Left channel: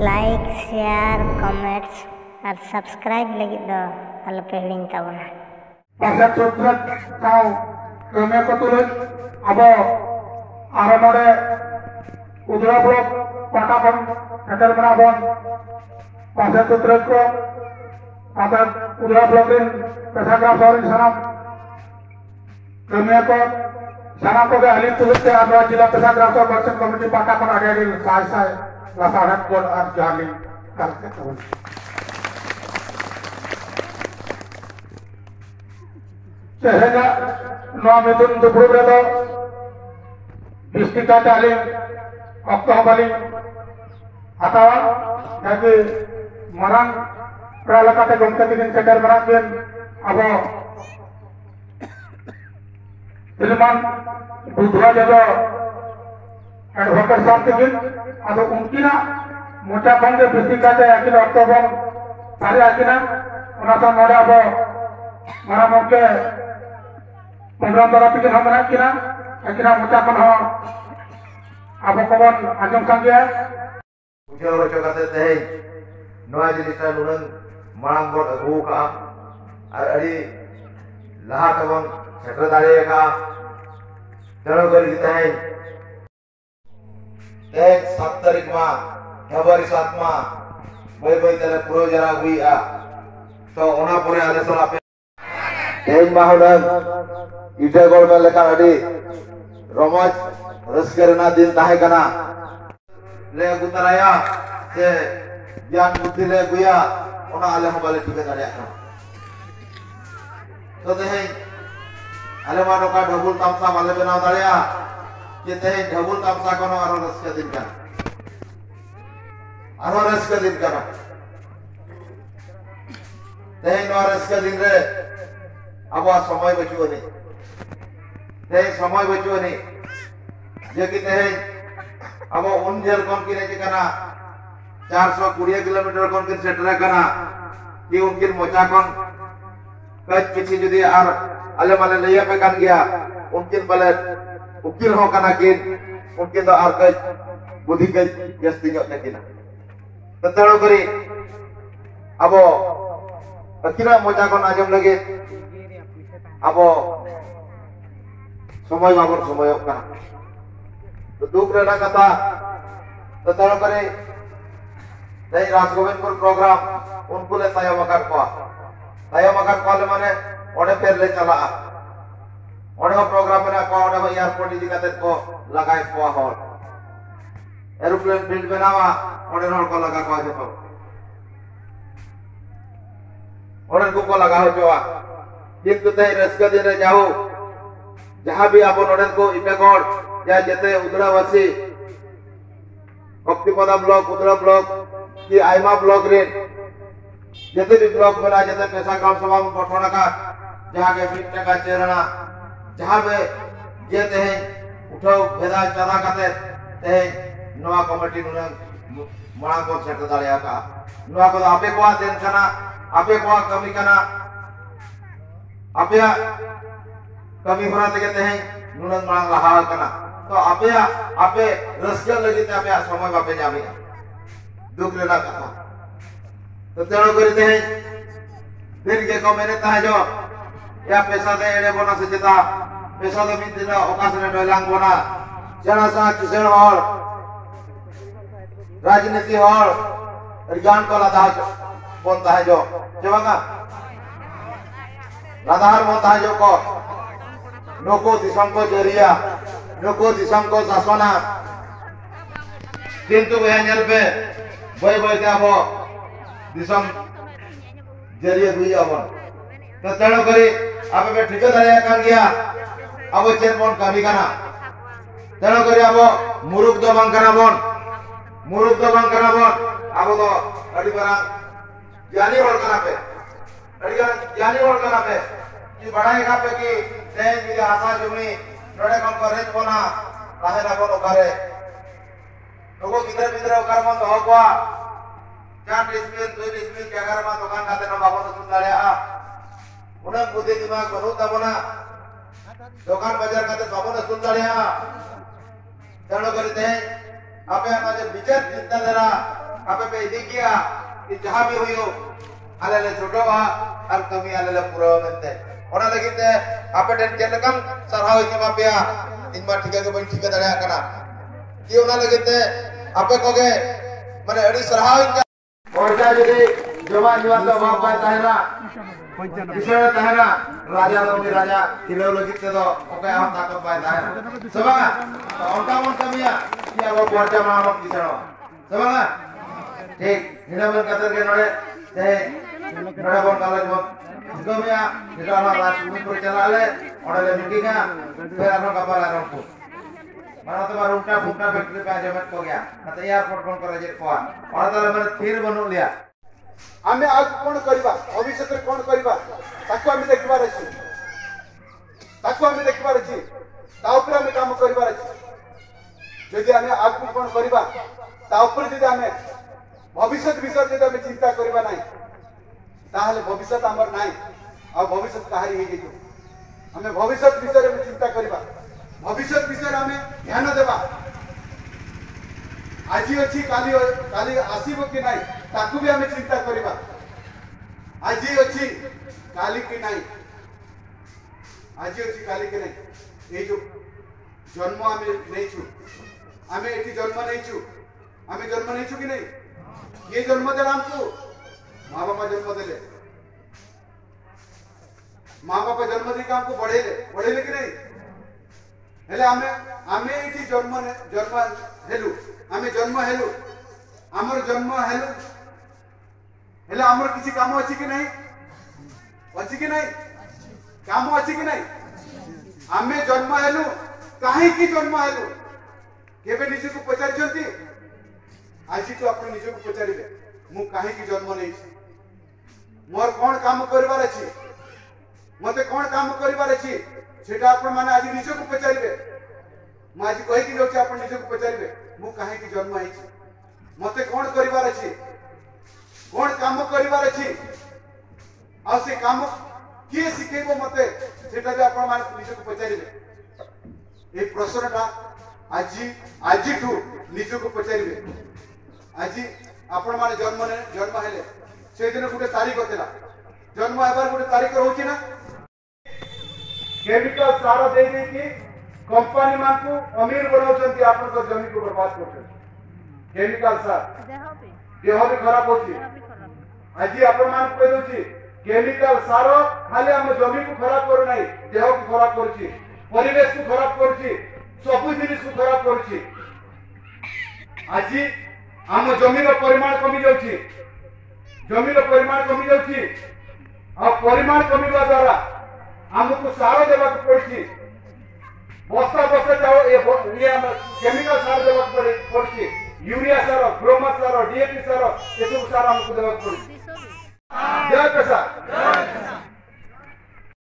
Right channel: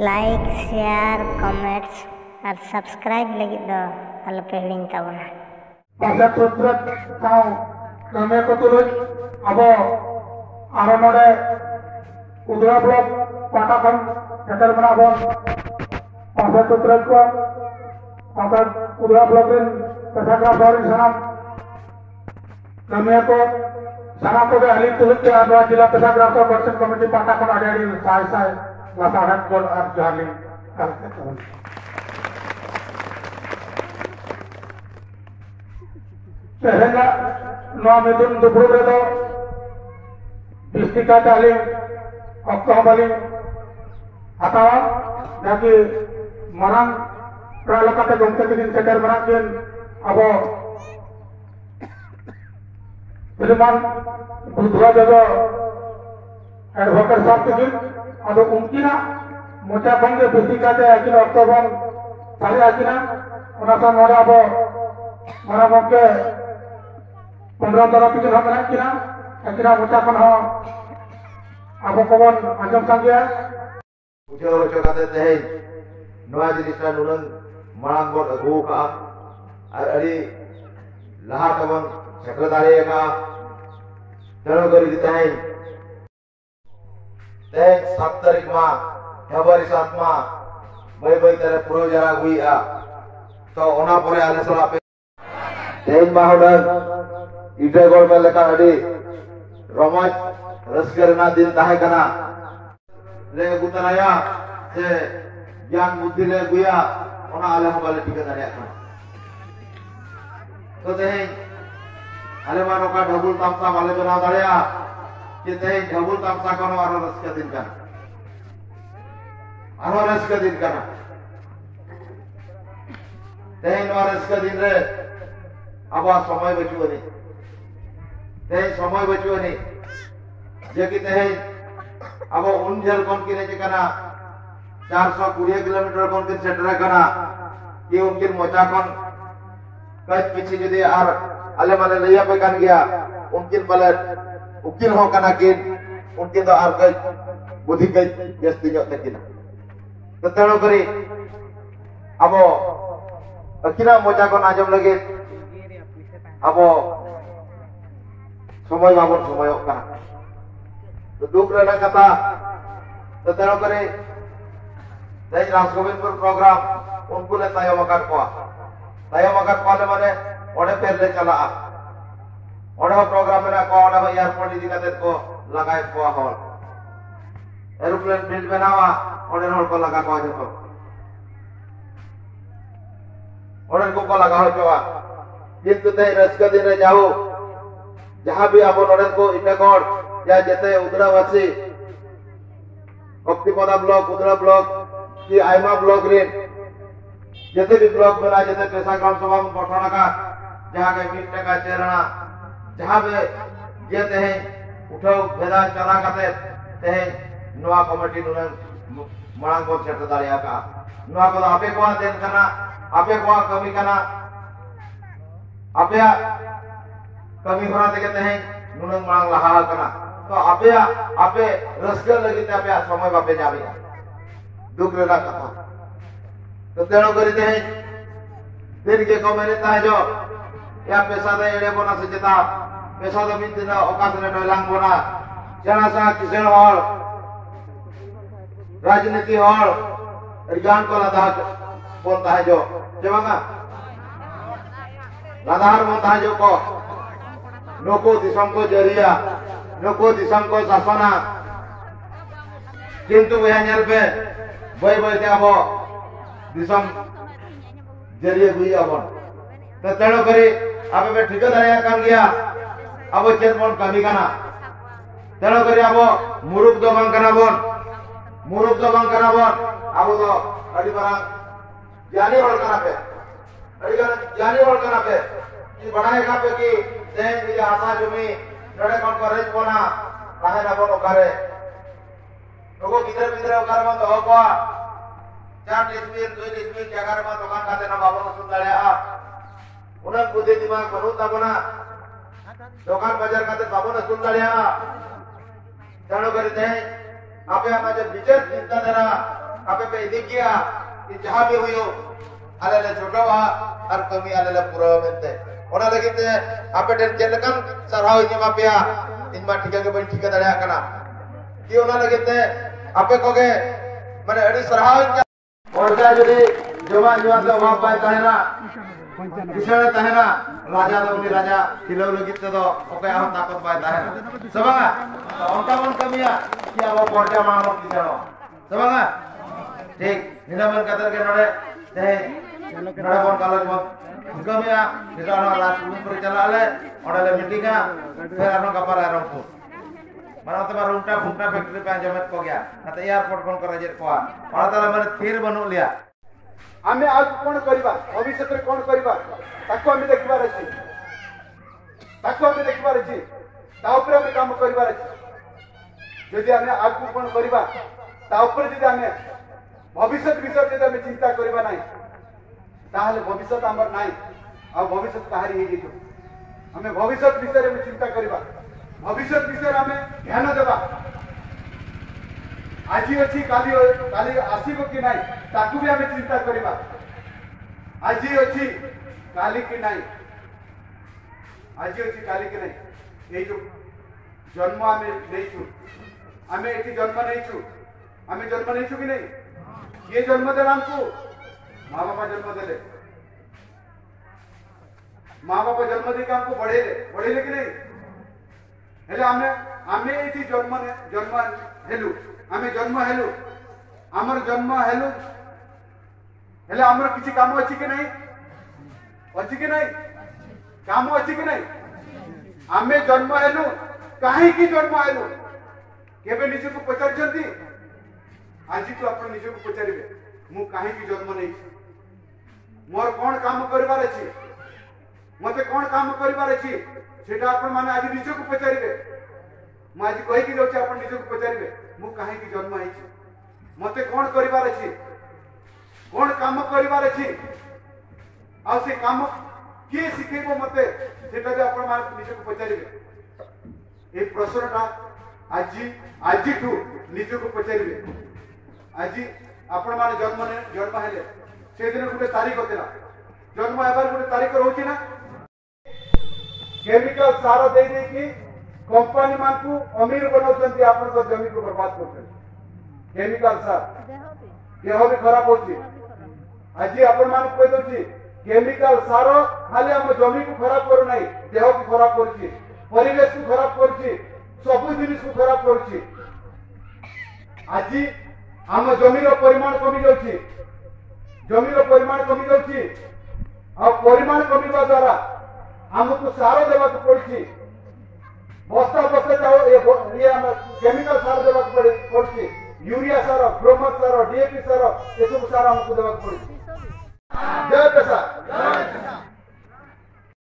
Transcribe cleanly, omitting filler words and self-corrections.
like share comments और subscribe लगी दो अलपे हिड़िंग ताबना pasal sutrat kau kami keturut abo aramade udara blok patakan sekitar menabon pasal sutrat ko pasal udara blokin pesagra sorin sanam kami ko sanam ko ahli turut ke abo jila pesagra so bersen komiti patakan ada di sai lasaran kol arjali kalketun sehingga nom itu untuk berbeda bistika talim waktu balik atau jadi marang pralakate gomta bikin segar marakin abo ilman budra jaga advocate sab bikin ado unkina mocha bangge bistika te akil oktober tare akina ona to mora abo mara mokke 15 tahun pikir hama kina akhirnya mengucapkan apa kawan anjam sanggya ujar kata teh noa jinisa nurang marang bot agu ka ar ari laha tabon sekretari ka jaro gari teh 7 तारीख ma Februari 7 ma bai tere puro jara hui a to ona pore ade sola pe teh mahudan ida gol meleka adi romoj raskarna din tahe kana le gutaraya se yang buddhi le guya ona alam bale tika dare ka to teh alamano ka double tamsa bale bena dare ke teh double tamsa kono aro raska din kana teh no raska din re aba samay bachuani teh samay bachuani je ki teh abo unjal kon kine je kana 420 kilometre kon kin setra kana ki unkin mocha kon kaj pichi jodi ar ale male laya pe kan gya unkin pale ukil ho kana kin unkin do ar kaj budhi kaj gesti nyot tekina tetelo kari abo akira mocha kon ajom lagi abo সময় বাবর সময় का तो दुख रहना कथा तो तेरो करे नहीं राजगोविंदपुर प्रोग्राम उनको ले तायो मकर पाले माने ओडे फेर ले चला ओडे प्रोग्राम में को ओडे एयरपोर्ट इदी कते को लगाए को हॉल एरोप्लेन प्रिंट बनावा ओडे हॉल को लगा को जतो ओडे को लगा हो जोआ ये कुते रसका दिन जाओ जहाँ भी आप नोडन को इमेगोड या जते उदरावासी भक्तिपदा ब्लॉक उदरा ब्लॉक की आइमा ब्लॉक रे जते भी ब्लॉक बना जते पैसा ग्राम सभा में पठना का जहाँ के मिट्टा का चेरना जहाँ पे जेते हैं उठो भेदा चला करते ते नवा कमिटी नुने मांग को सेट दाड़िया का नवा को आपे को देन कना आपे को कमी कना आपे कमी होना देखते हैं नुनंग मांग लहा कना तो आपे रसगर लगी ते आपे समय बापे जामी दुख लेना कथा तो तेणु करते हैं दिन के को मैंने ता जो या पैसा दे एड़े बोना से जता पैसा दे मिन दिन ओकास ने डोलांग बोना जना सा किसेन और राजनीति और ज्ञान को लदा बोलता है जो जेवागा लदार बोलता है जो को नको दिसम को जरिया नको दिसम को शासना किंतु वह नल पे बय के अब दिसम जरिया हुई अब तो तेणु करी अब पे ठीक दाया कान गया अब चेन बोन कमी कना तेणु करी अब मुरुक दो बंग कना बोन अब तो अड़ी बरा ज्ञानी होल कना पे कि बड़ाई का पे की देन मिले हाथा जमी नडे कोन करेज बोना लाहे ना बोन ओकारे लोगो किधर ओकार मन हो गवा 4 डिस्मिल 2 डिस्मिल के अगर मा दुकान खाते ना बाबा सुन लाया उनन बुद्धि दिमाग बनु तबना दुकान बाजार खाते बाबा सुन लाया तेणु करते हैं आपे आमाजे विचार चिंताधारा apa pe idik ya di jahab yo ala le jodowa ar kami ala le pura mente ona lagi te apa den jelekan sarhau ini mapia inma tiga ke ban tiga daya kana ki ona lagi te apa koge mane adi sarhau orja jadi joma jual to bapa tahena kisah tahena raja lo raja kilo lagi te do oke aham takut bai tahena sabanga to onta mon kamiya ki abo porja mahamok kisah sabanga ठीक निनामन Qatar के नोड़े ते नोड़े bone college में गमिया निकाला रात में पर चला ले और ले मीटिंगा फिर आनो कपर आनो को मानो तो बार उल्टा फुंटा फैक्ट्री पे जमत को गया कत एयरपोर्ट कोन करे जे को और ताला मन फिर बनो लिया आमे आज कोन करबा भविष्य रे कोन करबा ताको आमे देखबार अछि ता ऊपर आमे काम करबार अछि यदि आमे आज कोन करबा ता ऊपर यदि आमे भविष्य विषय यदि आमे चिंता करबा नाही ताहले भविष्य हमर नाही आ भविष्य काहरी हे जेतो आमे भविष्य विषय में चिंता करबा भविष्य विषय आमे ध्यान देबा আজি अछि काली आसीबो कि नाही ताकू भी आमे चिंता करबा আজি अछि काली कि नाही আজি अछि काली कि नाही ए जो जन्म आमे नेछु आमे एठी जन्म नेछु कि नहीं ये जन्म देला हमको माँ बापा जन्म देले माँ बापा जन्म दे हमको बढ़ेले कि नहीं हेले आमे एठी जन्म हेलु आमे जन्म हेलु हमर जन्म हेलु हेले हमर किछि काम अछि कि नहीं काम अछि कि नहीं आमे जन्म हेलु काहे कि जन्म हेलु केबे निजे को पचारछंती आज तो अपन निज को पचारिबे मु काहे की जन्म नै मोर कोन काम करबार अछि मते कोन काम करबार अछि सेटा अपन माने आज निज को पचारिबे मु आज कहि कि लोक अपन निज को पचारिबे मु काहे की जन्म है मते कोन करबार अछि कोन काम करबार अछि आ से काम के सिखेबो मते सेटा जे अपन माने निज को पचारिबे ए प्रश्नटा आज ठू निज को पचारिबे आज आपण माने जन्म हेले से दिन गोटे तारीख होता जन्म हेबार गोटे तारीख रोची ना केमिकल सार दे कि कंपनी मान को अमीर बनाउछंती आपण को जमीन को बर्बाद करछंती केमिकल सार देह भी खराब होची आज आपण मान कहि दोची केमिकल सार खाली हम जमीन को खराब करू नाही देह को खराब करछि परिवेश को खराब करछि सब जिनिस को खराब करछि आज आम जमीन परिमाण कमी जाउछि आ परिमाण कमिबा द्वारा हमको सार देवा पड़छि बस्ता चाउल ये केमिकल सार देवा पड़छि यूरिया सार ग्रोमर सार डीएपी सार ये सब सार हमको देवा पड़छि जय पेशा